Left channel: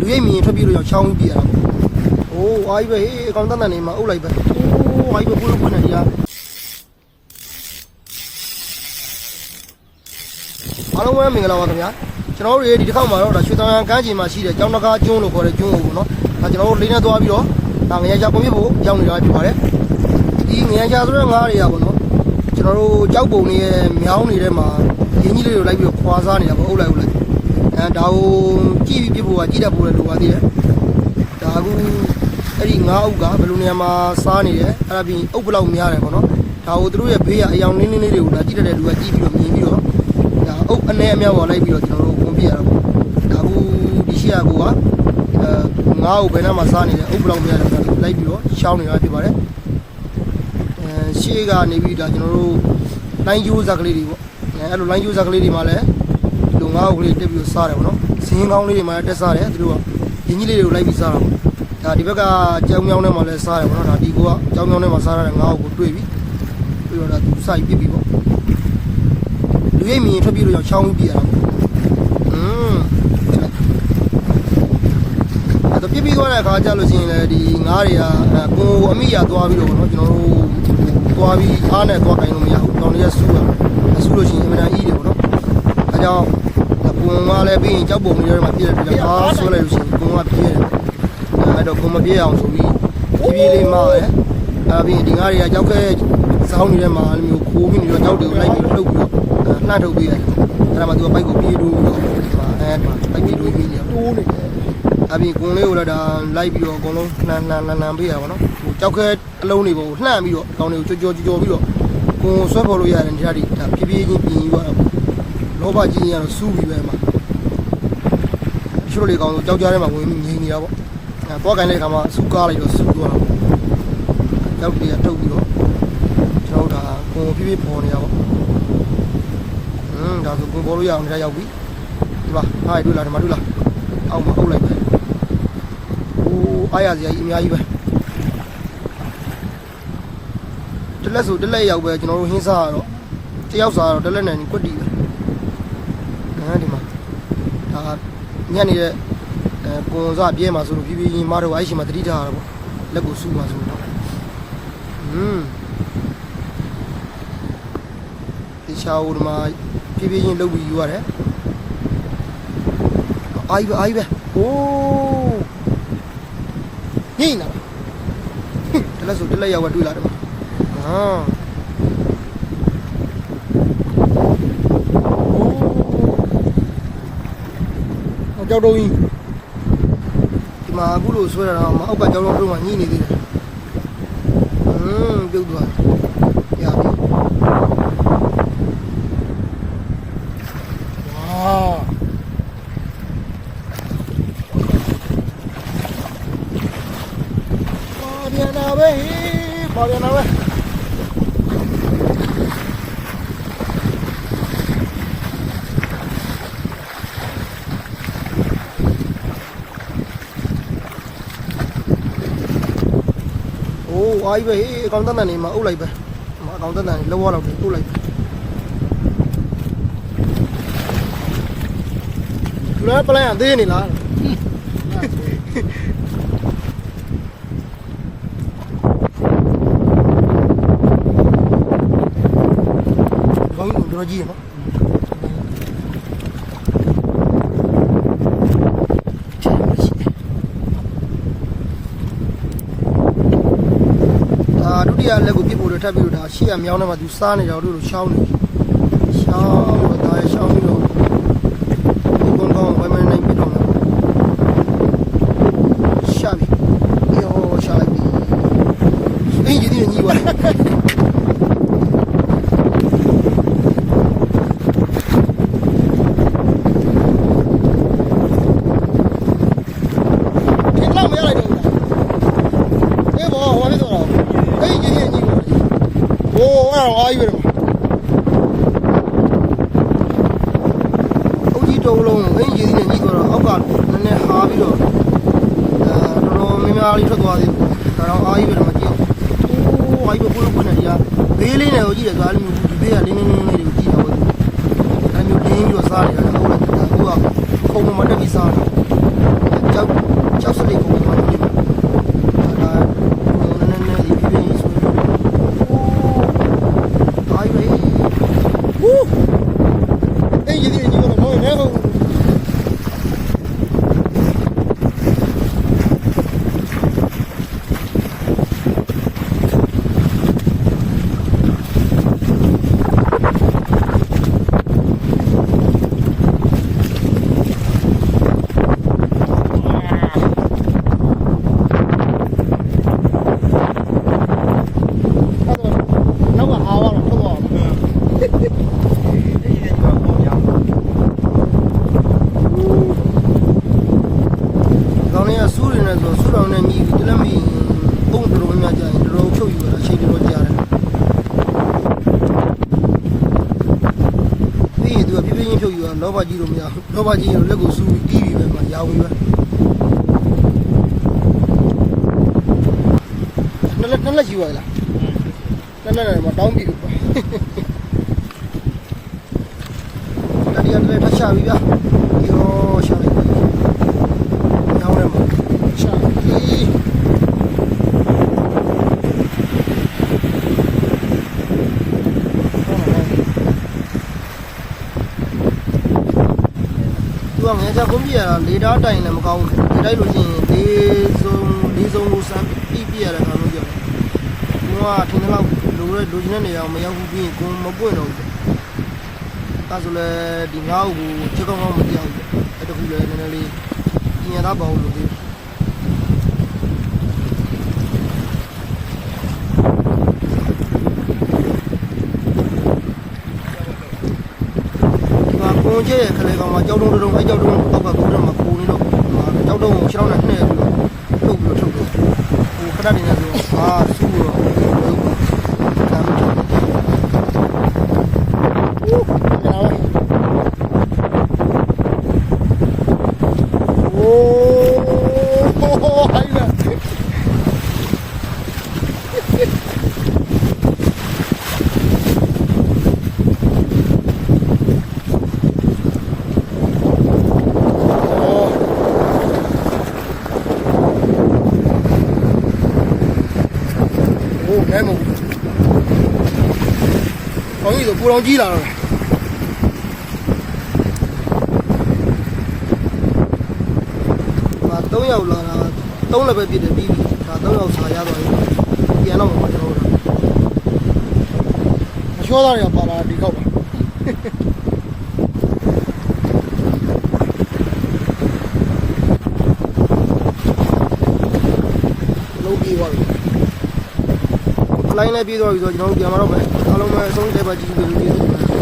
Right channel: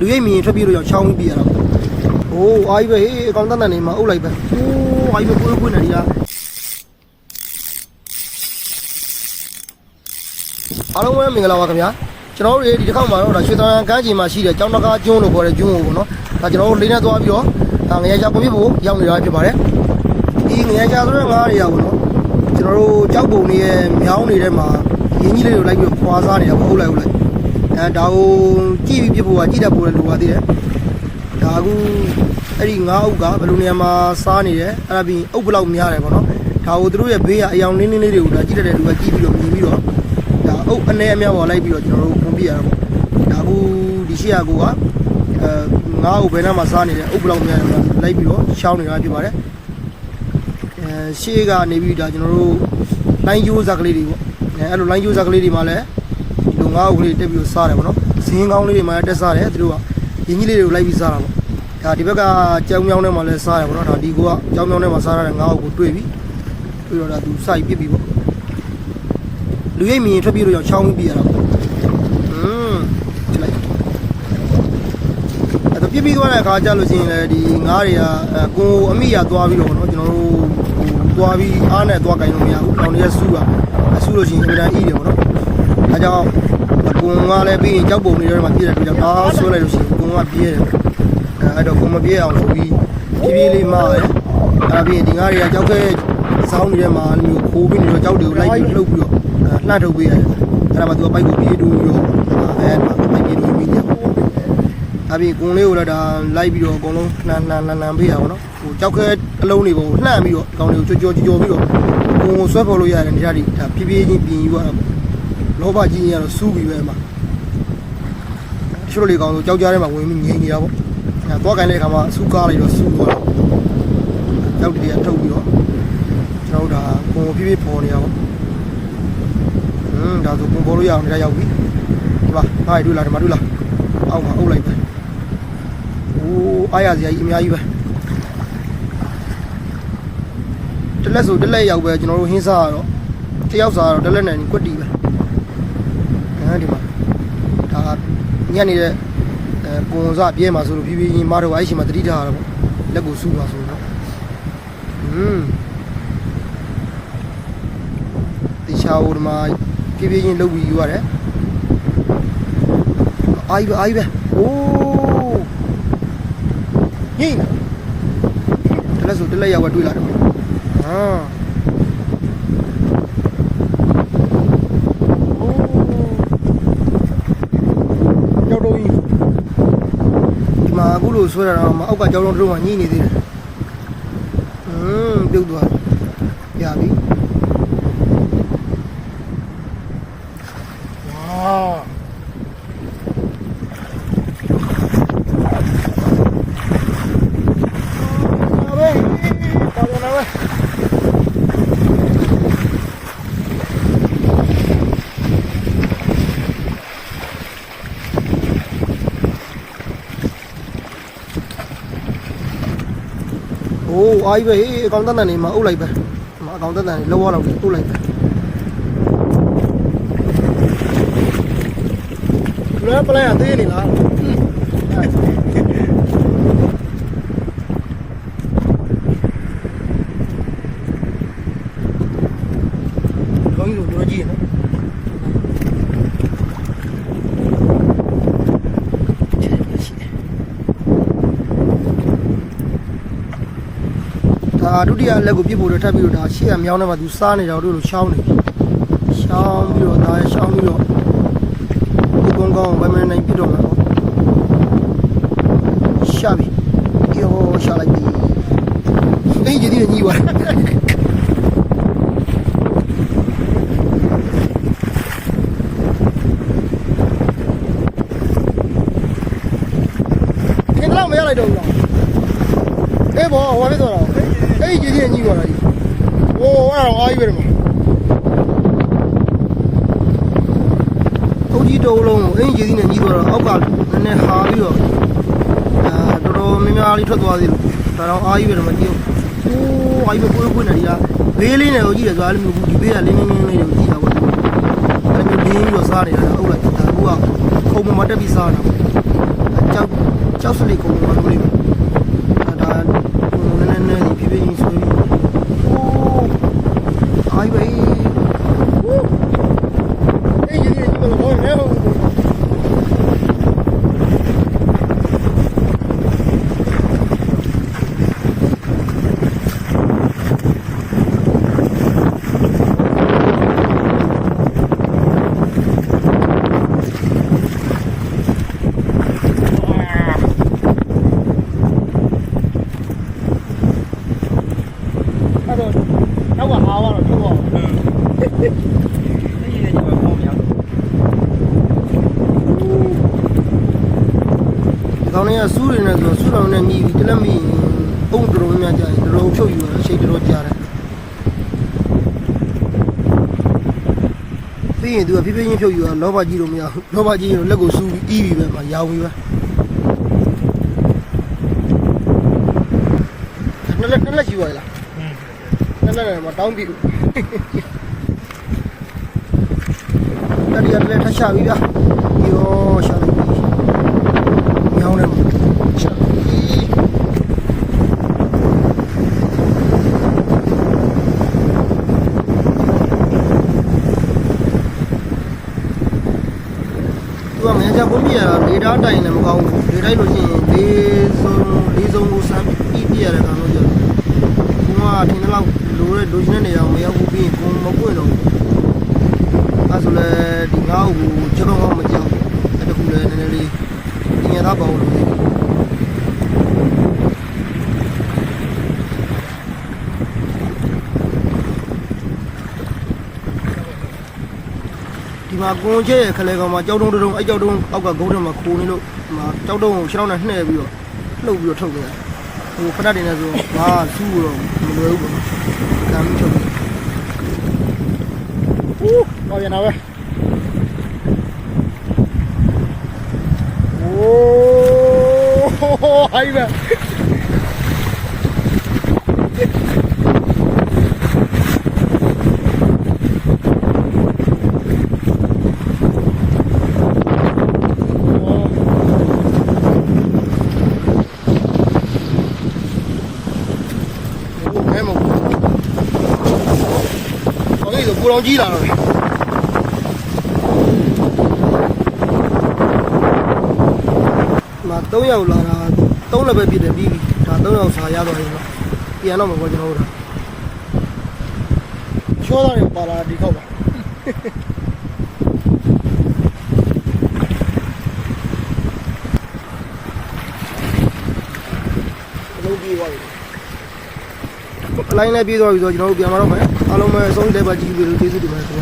လူရိပ်မြင်ထွက်ပြေးလို့ချောင်းပြီးပြရတာ။အိုးအားကြီးပဲဟေးအကောင်တန်းတန်းနေမှာအုပ်လိုက်ပဲ။အိုးအားကြီးပဲကိုယ်နေရအားလုံးပဲမင်္ဂလာပါခင်ဗျာကျွန်တော်တို့ဒီတစ်ခေါက်မှာတော့ဒါရွှေသံကန်းချီမှာရှိတဲ့ကျောင်းတကားကျွန်းလို့ခေါ်တဲ့ကျွန်းကိုပေါ့နော်ဒါကျွန်တော်တို့လေးနဲ့သွားပြီးတော့ဒါငရကြကွန်ပြဖို့ရောက်နေတာဖြစ်ပါတယ်ဒီငရကြဆိုတဲ့ငါးတွေကပေါ့နော်ကျွန်တော်တို့ကြောက်ပုံတွေရဲ့မြောင်းနေတဲ့မှာရင်းကြီးလေးတွေလိုက်ပြီးတော့ခွာစားနေတာပေါ့အုပ်လိုက်ဒါကိုကြည့်ပြီးပြဖို့ကကြည့်တတ်ဖို့လည်းလိုပါသေးတယ်ဒါအခုအဲ့ဒီငါးအုပ်ကဘယ်လိုနေရာမှာစားနေတယ်အဲ့ဒါပြီးအုပ်ဘယ်လောက်များတယ်ပေါ့နော်ဒါကိုသူတို့ရဲ့ဘေးကအယောင်နင်းလေးတွေကိုဒါကြည့်တတ်တဲ့လူကကြည့်ပြီးတော့မြင်ပြီးတော့ဒါအုပ်အနေအများပေါ်လိုက်ပြီးတော့ကျွန်တော်တို့ကွန်ပြရတာပေါ့ဒါကူဒီရှေ့ကကိုကငါးကိုဘယ်နှမှာစားနေတယ်အုပ်ဘယ်လောက်များတယ်လိုက်ပြီးတော့ရှောင်းနေတာဖြစ်ပါတယ်ရှေ့ကနေပြီးဒါကျွန်တော်တို့လိုင်းကျိုးစားကလေးတွေပေါ့အဲ့လိုလိုင်းကျိုးစားကလေးတွေမှာလည်းဒီလိုငါးအုပ်ကလေးတက်ပြီးတော့စားတယ်ပေါ့နော်ဇင်းကောင်းလေးတွေမှာလည်းတက်စားတယ်သူတို့ကရင်းကြီးလေးတွေကိုလိုက်ပြီးစားတာပေါ့ဒါဒီဘက်ကကြောင်မြောင်းထဲမှာလည်းစားတယ်ပေါ့နော်ဒါဒီကိုကကြောင်မြောင်းထဲမှာစားရတဲ့ငါးအုပ်ကိုတွေ့ပြီးတော့ဒါသူစိုက်ပြစ်ပြီးပေါ့လူရိပ်မြင်ထွက်ပြေးလို့ချောင်းပြီးပြရတာပေါ့အဲ့တော့ပြစ်ပြီးသွားတဲ့အခါကျလို့ချင်းလည်းဒီငါးတွေကကိုအမိရသွားပြီးတော့ပေါ့နော်ကျွန်တော်တို့သွားပြီးအားနဲ့သွားကင်လို့မရဘူးတောင်တွေကဆူးတာဆူးလို့ချင်းအမှန်တန်ဤတယ်ပေါ့နော်အဲကြောင့်ကိုကလည်းပြီးရင်ကြောက်ပုံတွေထဲမှာပြည့်တဲ့ကြောင့်အားဆွဲလိုက်လို့ရှိရင်ကိုကပြေးတယ်အဲ့တော့ကိုမပြေးအောင်ဆိုပြီးပြေးလေးမှားတယ်အဲ့ပြီးရင်ဒီငါးတွေကကြောက်ခဲစောင်းနေတဲ့မှာအဲ့လိုမျိုးခိုးပြီးနေတော့ကြောက်တွေကိုလိုက်ပြီးလှုပ်ပြီးတော့နှာထုတ်ပေးရတယ်အဲ့ဒါမှသူကပိုက်ကိုပြေးတူပြီးတော့အဲ့ဒါပိုက်ပြေးတူပြီးညပိုးနေအပြင်ကွန်လေးကိုလည်းဒါလိုက်ပြီးတော့အကုန်လုံးနှံပေးရပါတော့ဟိုကြောက်ခဲအလုံးတွေကိုနှံပြီးတော့ဒီကောင်တွေကိုကြောပြီးတော့ကွန်ဆွဲပေါ်လို့ရတယ်နေရာဒီဒါဖြည်းဖြည်းချင်းပြင်ယူရတာလောဘကြီးရင်ကတော့စူးပြီးပဲမှာချိုးလေးကောင်ဆိုကြောက်ကြားထဲမှာဝင်ပြီးငြိမ်နေတာပေါ့အဲသွားကန်တဲ့အခါမှာစူးကားလိုက်တော့စူးသွားတာကြောက်တွေကထုတ်ပြီးတော့ကျွန်တော်တို့ဒါကွန်ဖြည်းဖြည်းပေါ်နေတာပေါ့ဒါဆိုကွန်ပေါ်လို့ရအောင်နေရာရောက်ပြီဒီပါဟာတွေ့လားဒီမှာတွေ့လားအောက်မှာအုပ်လိုက်ပဲโอ้အားရစရာကြီးအများကြီးပဲတလက်ဆိုတလက်ရောက်ပဲကျွန်တော်တို့ဟင်းစားရတော့တယောက်စားတော့တလက်နဲ့ကွက်တီပဲဒီမှာဒါညက်နေတဲ့ကွန်စားပြဲမှာဆိုလို့ဖြည်းဖြည်းချင်းမတော့အဲ့ရှင်မှာတတိထားရတော့ပေါ့လက်ကိုစူးမှာဆိုတော့ဒီချာဦးဒီမှာဖြည်းဖြည်းချင်းလှုပ်ပြီးယူရတယ်အားကြီးပဲအိုးညိနေတာတလက်ဆိုတလက်ရောက်တွေ့လာတယ်မှာကြောက်တော့ကြီးဒီမှာအခုလို့ဆွဲရတာမအောက်ကကြောက်တော့တုံးကညိနေသေးတယ်ပြုတ်သွားရပြီဝါပါပြန်လာပဲโอ้အားကြီးပဲဟေးအကောင်တန်းတန်းနေမှာအုပ်လိုက်ပဲအကောင်တန်းတန်းနေလောလောက်အုပ်လိုက်ပဲလွယ်ပလန်သေးနေလားကောင်းလို့ကြည့်ရနော်ဒုတိယလက်ကိုပြစ်ဖို့တော့ထပ်ပြီးတော့ဒါရှေ့ကမြောင်းထဲမှာသူစားနေကြတော့လို့ရှောင်းနေရှောင်းပြီးတော့ဒါရှောင်းပြီးတော့ဒီကောင်ကောင်ဝိုင်းမနိုင်ပြတော့မှာရှာပြီယောရှာလိုက်ပြီအင်းကြီးဒီညီပါခင်ဗျာမရလိုက်တော့ဘူးလားအေးဘောဟိုဖြစ်သွားတော့အေးကြီးကြီးညီသွားတာကြီးโอ้အဲ့တော့အားကြီးပဲတော့အုတ်ကြီးတုံးလုံးအင်းကြီးကြီးနဲ့ညီသွားတော့အောက်ကနည်းနည်းဟာပြီးတော့တော်တော်များများလေးထွက်သွားသေးတယ်ဒါတော့အားကြီးပဲတော့မကြည့်ဘူးโอ้အားကြီးပဲကိုယ်နေရဘေးလေးနဲ့ကိုကြည့်တယ်ဆိုအဲ့လိုမျိုးဒီဘေးကလင်းလေးလေးကိုကြည့်တာပေါ့အဲ့လိုမျိုးဒင်းပြီးတော့စားနေတာအုတ်လိုက်တာကိုကခုံမတက်ပြီးစားတာကြောက် ကြောက်စလိကုန်းမှာလို့လေးဒါကိုနည်းနည်းဒီပြင်းဆိုလို့အိုးအိုင်ပဲဟူးအေးကြီးကြီးမလို့မဲဟုတ်နောက်ကအားတော့ထုတ်အောင်ဒီကောင်လေးကစူးနေတယ်ဆိုစူးတော်နဲ့မြည်ပြီးတလက်မြည်ပုံတော်များကြာရင်တော်ဖြုတ်ယူရတာချိန်တော်ကြာတယ်ပြီးရင်သူကဖြည်းဖြည်းချင်းဖြုတ်ယူရလောဘကြီးလို့မရဘူးလောဘကြီးရင်လက်ကိုစူးပြီးပြီးပဲမှာရောင်းပြီးပဲနှစ်လက်ယူရလားနှစ်လက်မှာတောင်းပြီးလို့တတိယလက်ထချပြီးဗျာယောရှာတယ်ညောင်းနေမှာရှာပြီးသူကငယ်ချပုံပြရတာလေတားတိုင်လည်းမကောင်းဘူးလေတိုက်လို့ရှိရင်လေးစုံကိုစမ်းပြရတဲ့ကောင်လို့ပြောတယ်သူကထင်တယ်လို့လိုချင်တဲ့နေရာမရောက်ဘူးပြီးရင်ကိုမပွင့်တော့ဘူးအဲဆိုလဲဒီငါ့ကိုချက်ကောင်းကောင်းမကြောက်ဘူးအဲ့တခုလဲနည်းနည်းလေးညရတာပေါ့လို့ဒီမှာကွန်ကျဲခလဲကောင်မှာကြောက်တုံးတုံးအဲ့ကြောက်တုံးအောက်ကကုန်းထဲမှာခိုးနေလို့ကြောက်တုံးကိုခြေထောက်နဲ့နှဲ့ပြီးတော့လှုပ်ပြီးတော့ထုတ်တယ်ဟိုခဏတင်နေဆိုဟာစူးတော့ဘယ်လိုပေါ့ဒါမှမဟုတ်ဦးဟောရနာပဲโอ้ไอ้แบบแม่หมดเขานี่ตัวปูรองจี้လာတော့3ယောက်လာတာ3လည်းပဲပြည့်တယ်ပြီးဒါ3ယောက်စာရသွားရင်ပြန်တော့မှာကျွန်တော်တို့အချောသားတွေကပါလာဒီခောက်ပါလုံးပြီးသွားပြီလိုင်းနဲ့ပြီးသွားပြီဆိုတော့ကျွန်တော်တို့ပြန်มาတော့မယ်အားလုံးပဲအဆုံးတဲ့ပါကြည့်ပြီးလို့ကျေးဇူးတင်ပါတယ်